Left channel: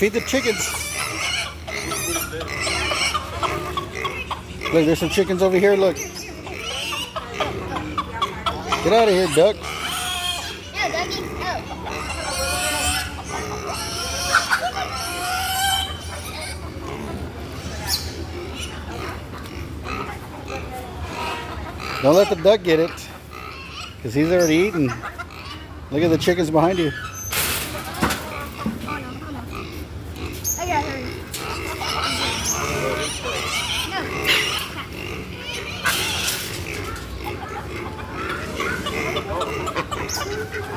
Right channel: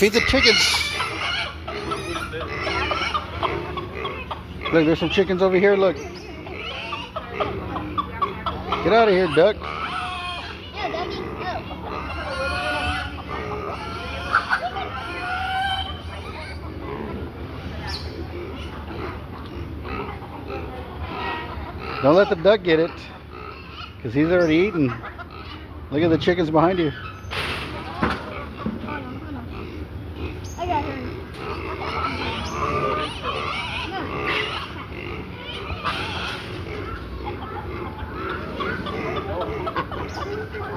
Feed the chickens. Look, there's some chickens over here. Look. Get out of here, duck. No, Dougie. Don't let the duck get it, because he's already eaten. Look at the chickens behind you. I got her. No.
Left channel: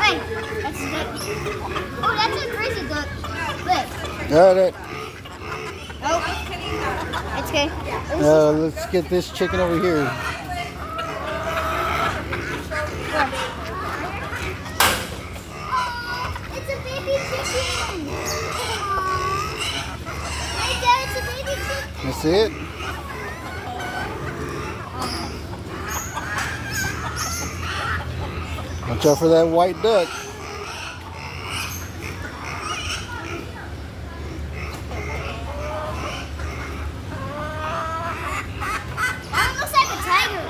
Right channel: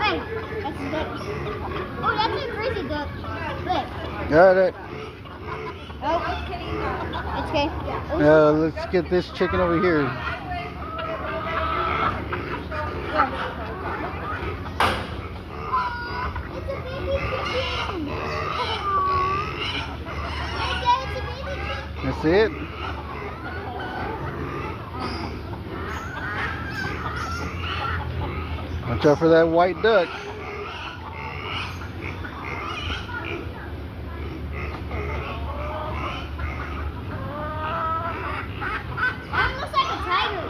Hey, that's a duck. Oh, that's a crazy duck. Look. Yeah, that. Oh, it's okay. Let's get this chicken over here. It's a baby chicken. Hey, Dad, it's a baby chicken. That's it. Watch out for that white duck. That looks like a tiger.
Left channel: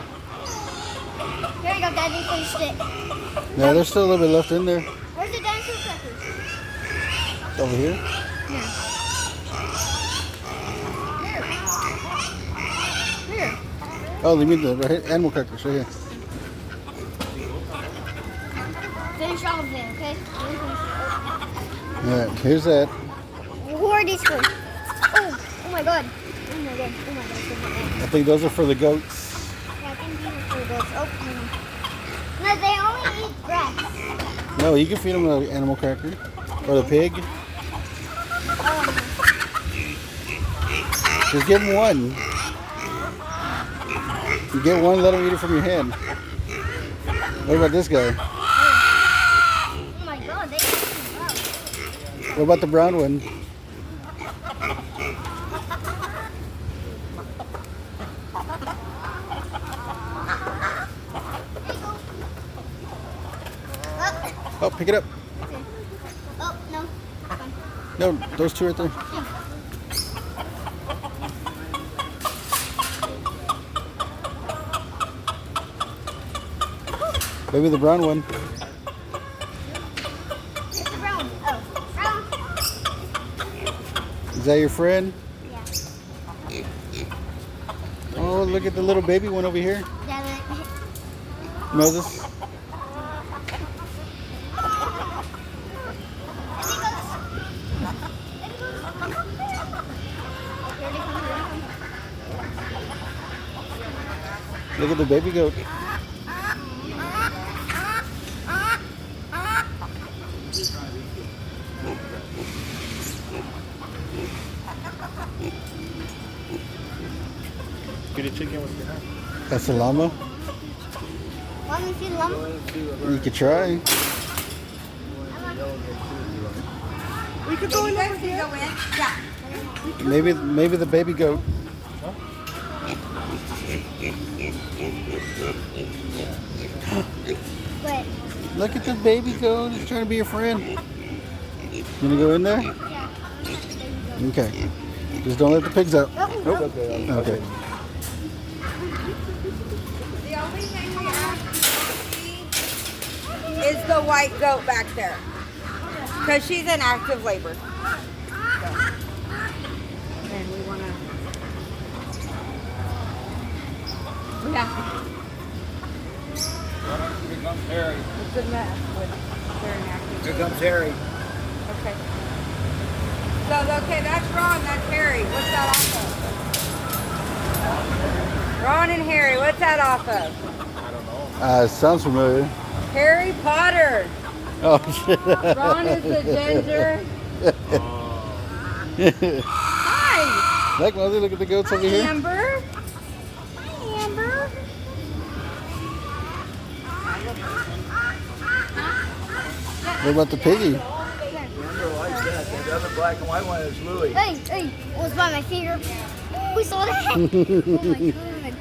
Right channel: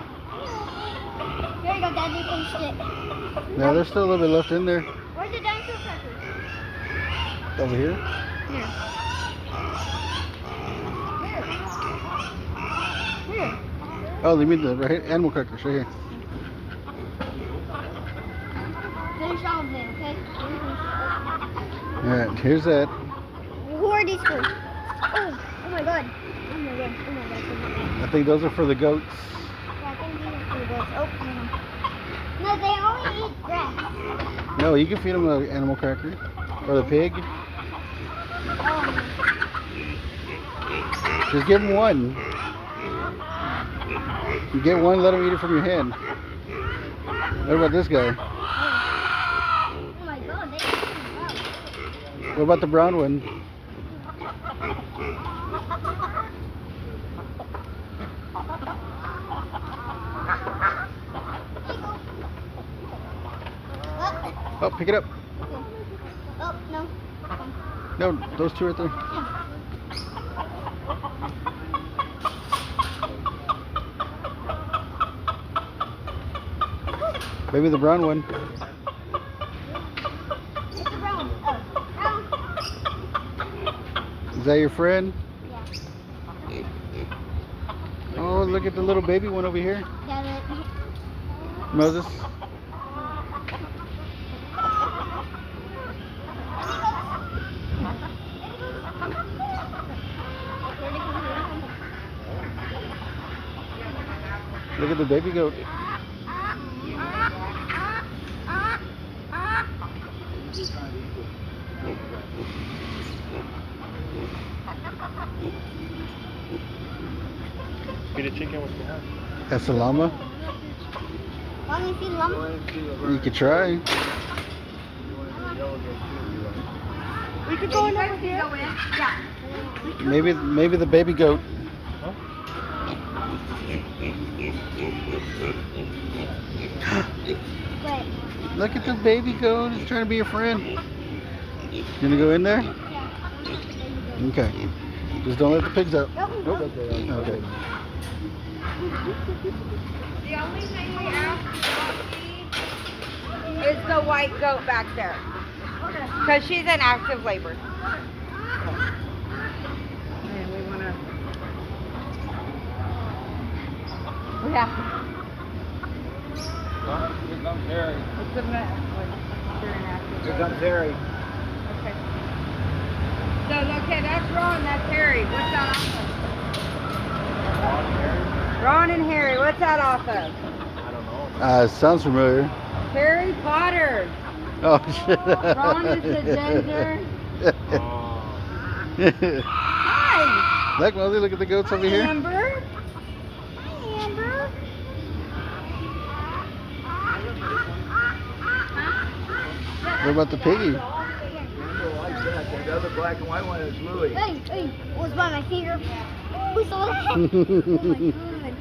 Here you go, Daddy. Finished it. Yeah, there's still a little bit left in there. Where's the dinosaur crackers? Over here. Here. Oh, you mean the right here? Animal crackers right here. Finish all of it, okay? Let me finish it. Yeah, here's that. Who are these for? Oh my god. Oh my god. Oh my god. Oh my god. I think those are for the goats. Yeah, I think these are for the goats. Oh, hang on. No, they only eat grass. No, you can feed them an animal cracker. Or the pig. Oh, Just give them one. You get one, let them eat it from your hand. What about this guy? oh my god, they eat grass. What about the brown one? Oh, pick it up. Oh, no. No, those two right there. Maybe the brown one. It's the brown. Oh, brown. Is that your friend? Yeah. Oh, look at the little baby one over here. Got it. Moses. Look at the baby goat. Get a chicken with behind. That's a llama. Want me to see the llama? You could try. We could go in over here. Maybe the baby goat. Wait. Look at the baby goat. He's trying to be a friend. You gonna go in there? Yeah. Okay. Just don't let the pigs out. Nope. Nope. Okay. The only thing we ask is the white goat back there. Because she's in active labor. And we want to... Yeah. Here comes Harry. It's a mess. But they're in active Here labor. comes Harry. Okay. So, okay, that's Ron, that's Harry. What's that off of? Ron and Harry, what's that off of? I don't know. Sounds familiar. Harry Potter. Oh, shit. Ron is the ginger. Hi. Look, Mosey, look at the goats over Hi, here. Amber. Hi, Amber. What about the piggy? Remember like that. The other black and white one is Louie. Hey, almost by my finger. Oh, we saw that. Oh my god.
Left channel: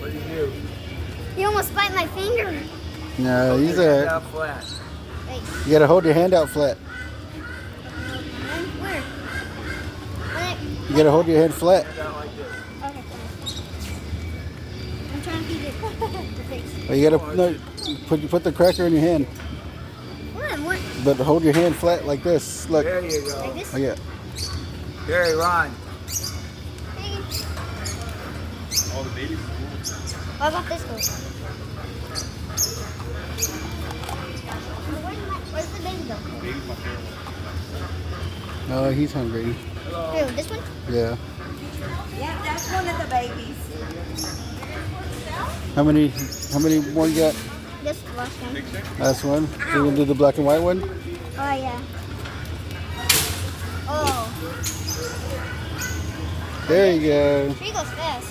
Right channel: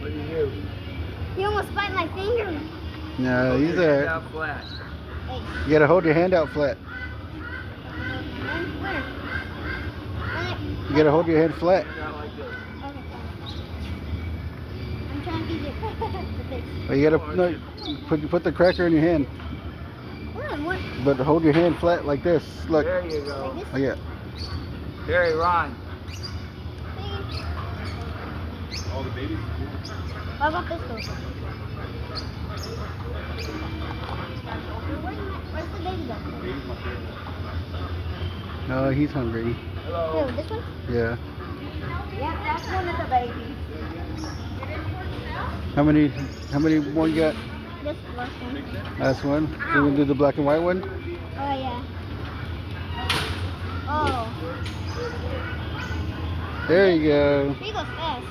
What do you do? He almost bite my finger. No, he's Stand a. up flat. Hey, You gotta hold your hand out flat. where? You gotta hold your hand flat. Okay, fine. I'm trying to eat it. The face. Or you gotta no, put the cracker in your hand, What? but hold your hand flat like this. Look. There you go. Like this? Oh yeah. Here, Ron. All the babies? What about this one? Where's the baby go? Baby's my favorite one. No, he's hungry. Wait, this one? Yeah. Yeah, that's one of the babies. How many more you got? This last one. Last one. So we're gonna do the black and white one. Oh, yeah. Oh, There you go. she goes fast.